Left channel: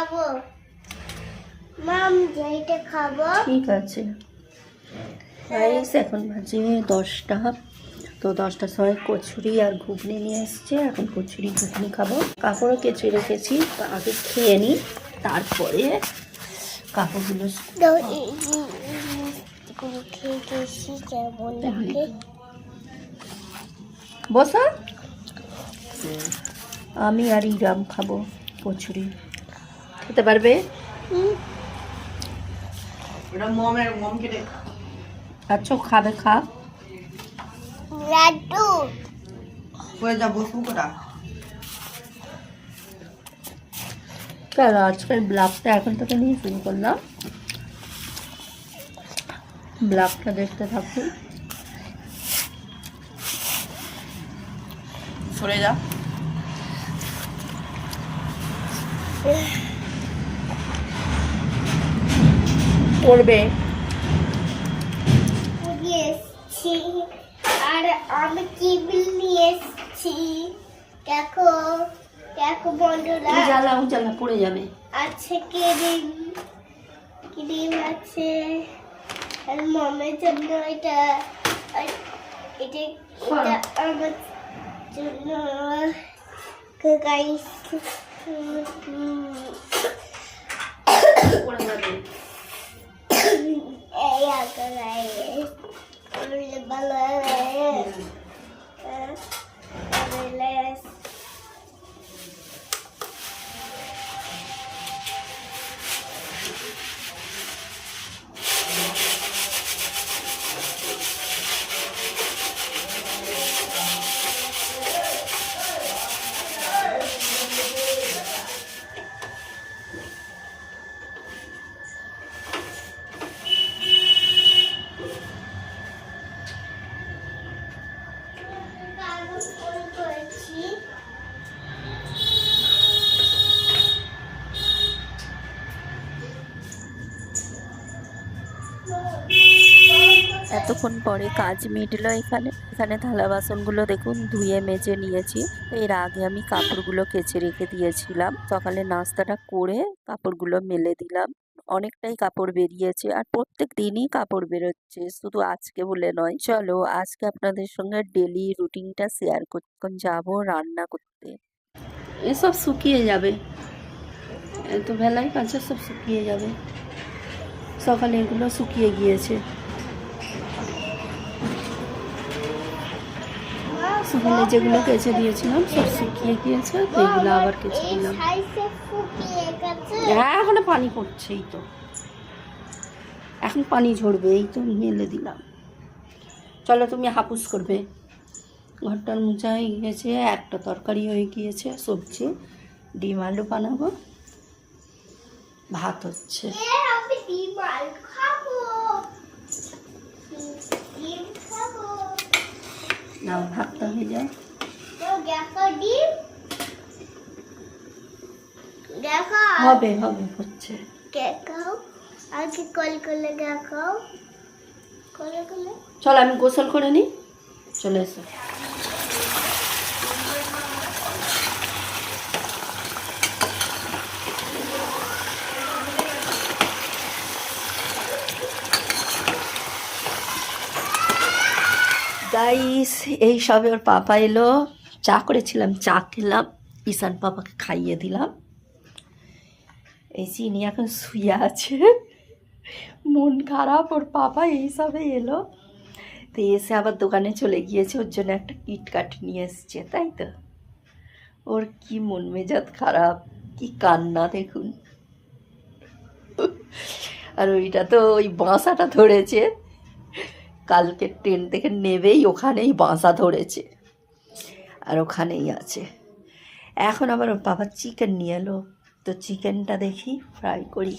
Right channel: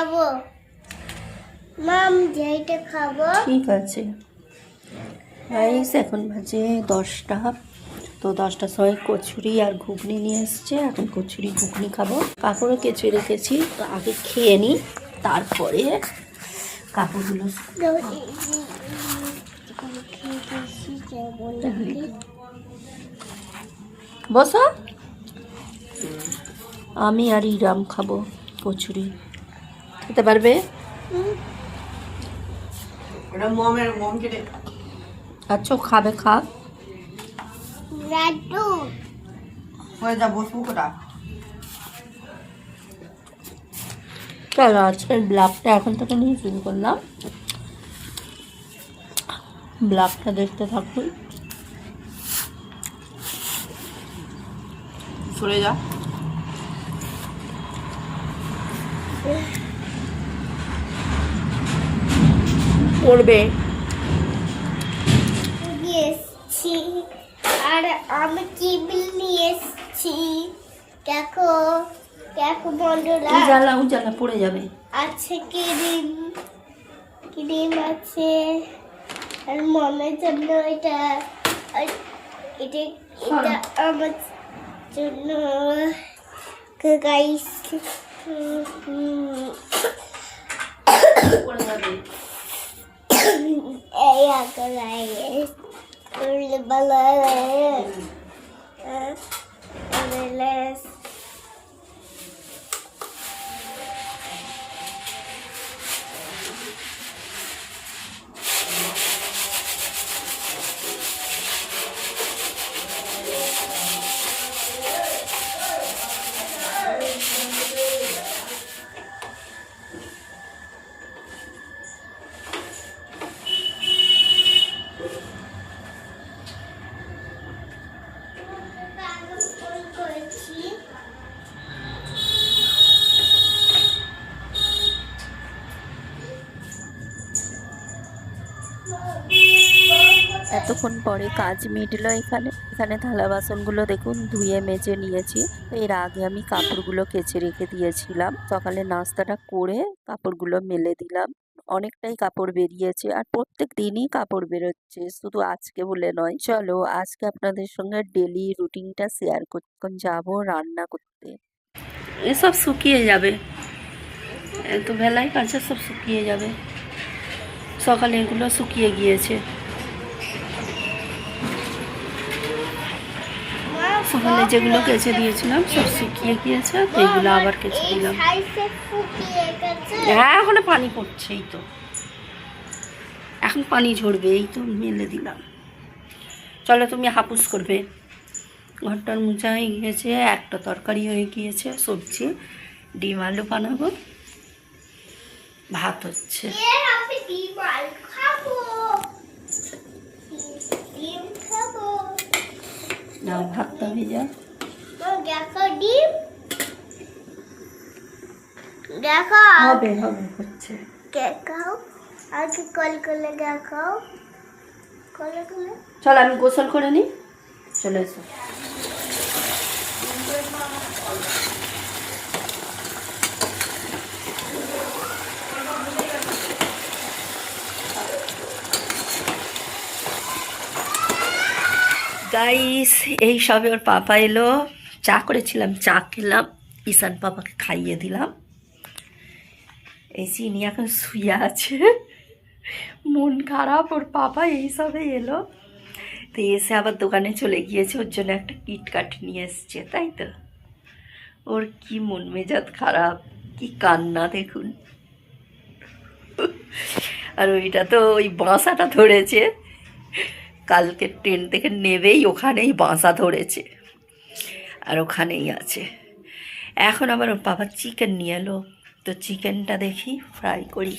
খাবো মাম যেটা খাবো। ঠিক আছে গাইস, এখন বাজে 10টা। তো 10টার সময় কচুরি আর ঘুগনি নিয়ে এসছে। এখন কচুরি ঘুগনি খাবো। কাপড়ও কেচে রেখেছি, তো আগে খেয়ে নিই, তারপরে কাপড়গুলো বসা। আমি আর ইরাম খাবো কচুরি। খেতে পারবে? আচ্ছা খাবে, খা। লাড্ডু চলো আজকের ব্লগটা এখন থেকে নিয়ে শুরু করলাম। ব্লগটা দেখতে থাকুন। সরে যা। করবে নিয়ে এসছি আর আমি টেবিল নিয়ে এসছি। দেখো দেখো বন্ধুরা, উজালা উজালা পড়ে যাবে। আছে ক্রিম, ক্রিম আছে আর মামের জন্য এটা, আর এটা এটা আমার জন্য। গাইস পড়ে যাবে। এই আকারে করলে ভালো লাগে। এতক্ষণ পরে কাজ মিটলো। এখানে থালা বাসনগুলো দেখুন ধুয়ে মেজে নিয়েছি। এর আগে আমি কাপড়গুলো কেচে রেখে দিয়েছিলাম। সকালে নাস্তাটা করে কাপড়গুলো মেলে দিলাম। অনেকটাই কাপড় বেরিয়েছে, আর প্রত্যেক দিনই কাপড় বেরোচ্ছে, শুধু আজকে বলে নয়। চলো আজকে আপনাদের সঙ্গে ডেলি রুটিনটা শেয়ার করতে। যাবো রান্না করতে। এসব শুকিয়ে যাবে, এত বেলায় কাছে সব শুকিয়ে যাবে। সকালে এগুলো শুকিয়ে গিয়েছে। সকালে যেগুলো কেচে দিয়েছিলাম সব শুকিয়ে গিয়েছে, তো এগুলো আবার কেচে দিলাম। হ্যাঁ ওখানে পানি পড়ছে, এই তো এখন পানি ঝরবে, এই তো মেলে দিলাম। চলো তুমি হাপুস করবে। ঘরটার মোছা হয়ে গিয়েছে, একটা তরকারি হয়ে গিয়েছে, সবজি ডিম আলু বানাবো, ভাত হচ্ছে। নাও ভাতটা হয়ে যায়। হবে হবে হচ্ছে। দেখাও আগে কল করে দেখাও, কলে কলে। চলো আমি গোসল করে নিই, চলে এসো। গাইস এই সবে ওর পাপা এলো, চা করেছিলাম, চা খেলাম, ঈশান পাপাকে খাইয়ে দিলাম। এই চিনি এখন শুয়ে আছে, মন খারাপ। ওর পাপা এই সবে এলো, তো এসে আবার দোকানে চলে গিয়েছে, ওর জন্য একটা কিটকাট নিয়ে এসছে, তাই তো। ওর কি মন মেজাজ খারাপ, কি কান্না দেখুন। আর ওইটা তো ওই বাসাটা ধরেছে, কালকে ট্রেন থেকে নেবেই ওখানেই বাসা ধরেছে, আর ওখানেই আছে। এখন আবার ওর বাবা চিকেন নিয়ে এলো, তো চিকেনটা দেখি ফ্রাই করি,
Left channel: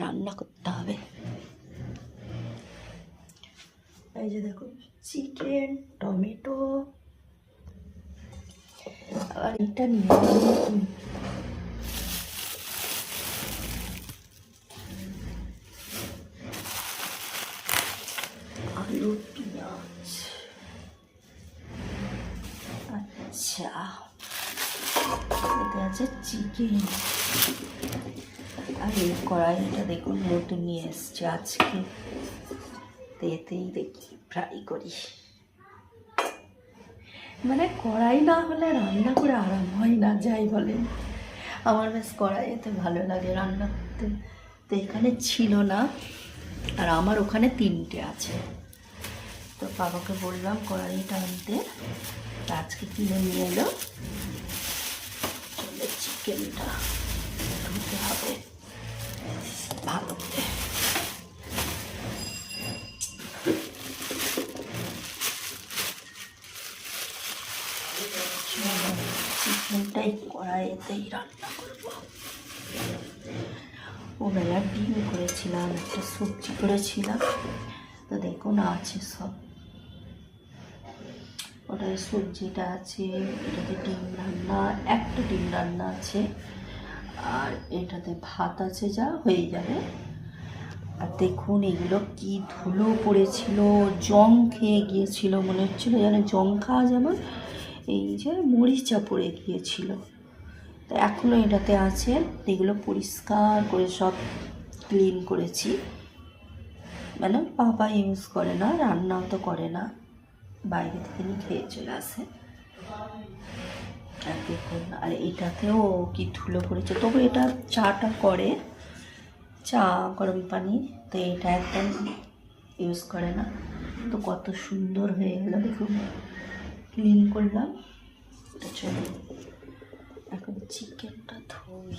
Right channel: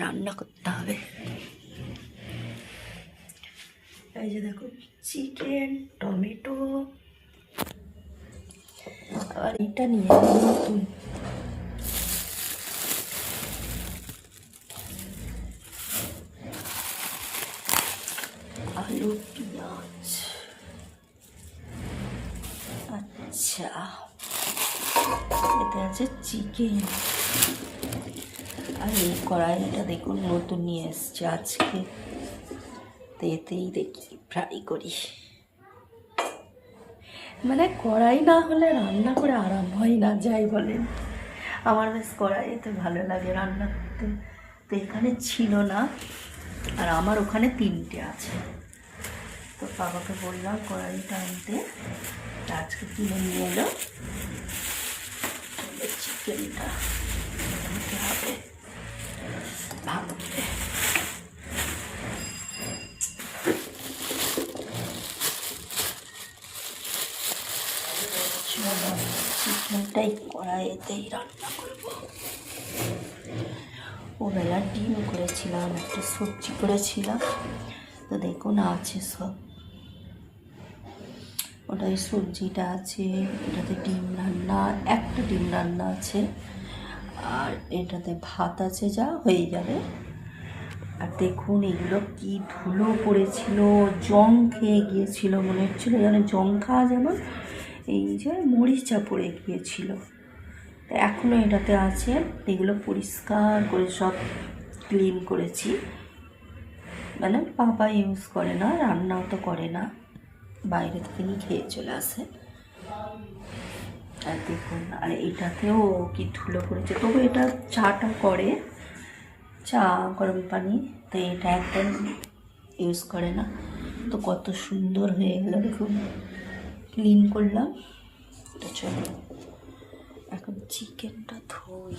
রান্না করতে হবে। এই যে দেখুন চিকেন, টমেটো, আর এটা নিয়ে এলো আলু পেঁয়াজ। আচ্ছা এতে আছে চিকেন। আর এই কড়াইটা দেখুন নতুন নিয়ে এসছে আজকে, তো এতেই দেখি ফ্রাই করি। মানে কড়াই না হলে রান্না করে আরাম হয় না, যাই বলেন। আমার বেশ কড়াইতে ভালো লাগে রান্না করতে। তো এখানে ছিল না, আর আমার ওখানে 3টে আছে। তো বাবাকে বললাম কড়াইটা আনতে, আজকে কিনে নিয়ে এলো। চিকেনটা ধুতে হবে ভালো করে। চিকেনটাই কড়াইতেই রান্না করবো। ওবেলা ডিম করেছিলাম, একটা সবজি করেছিলাম, তো দেখুন আছে সব। ওটাই সবজিটা আছে, এটাতে ডিম রান্না, একটা ডিম রান্না আছে, আর এটাতে ভাত আছে, যা হয়ে যাবে। আর দেখুন এগুলো কি ধুলো পড়েছিল, জং খেয়ে গিয়েছিল, মনে হচ্ছিলো যেন জং খাওয়া যেমন এই যে মরিচা পড়ে গিয়েছিল। তো এখনও এটাতে আছে, এগুলো পরিষ্কার করে সব ক্লিন করেছি। মানে বাবা ইউজ করে না, রান্নাও তো করে না, বাইরে থেকে নিয়ে খেয়ে চলে আসে। আর দেখুন, আর এটাতেও কি ধুলো পড়েছে, তবু এটা চাটা করে, চা গরম পানি, তো এটা একদম ইউজ করে না। তো কত সুন্দর হয়ে গেল দেখুন, ক্লিন করলাম। তো চলো এখন চিকেনটা ধুই।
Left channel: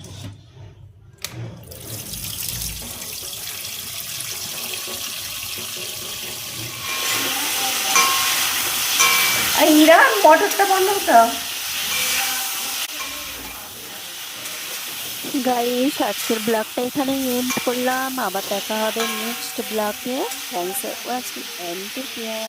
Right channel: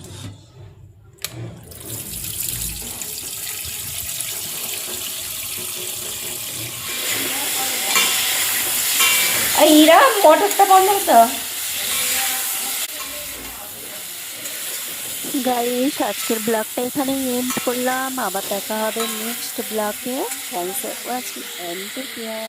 ইরা মোটরটা বন্ধ হতো। গাইস, আজকের ব্লগটা এখানেই এন্ড করলাম, আবার দেখা হবে নেক্সট ব্লগে। Thanks for watching and take care.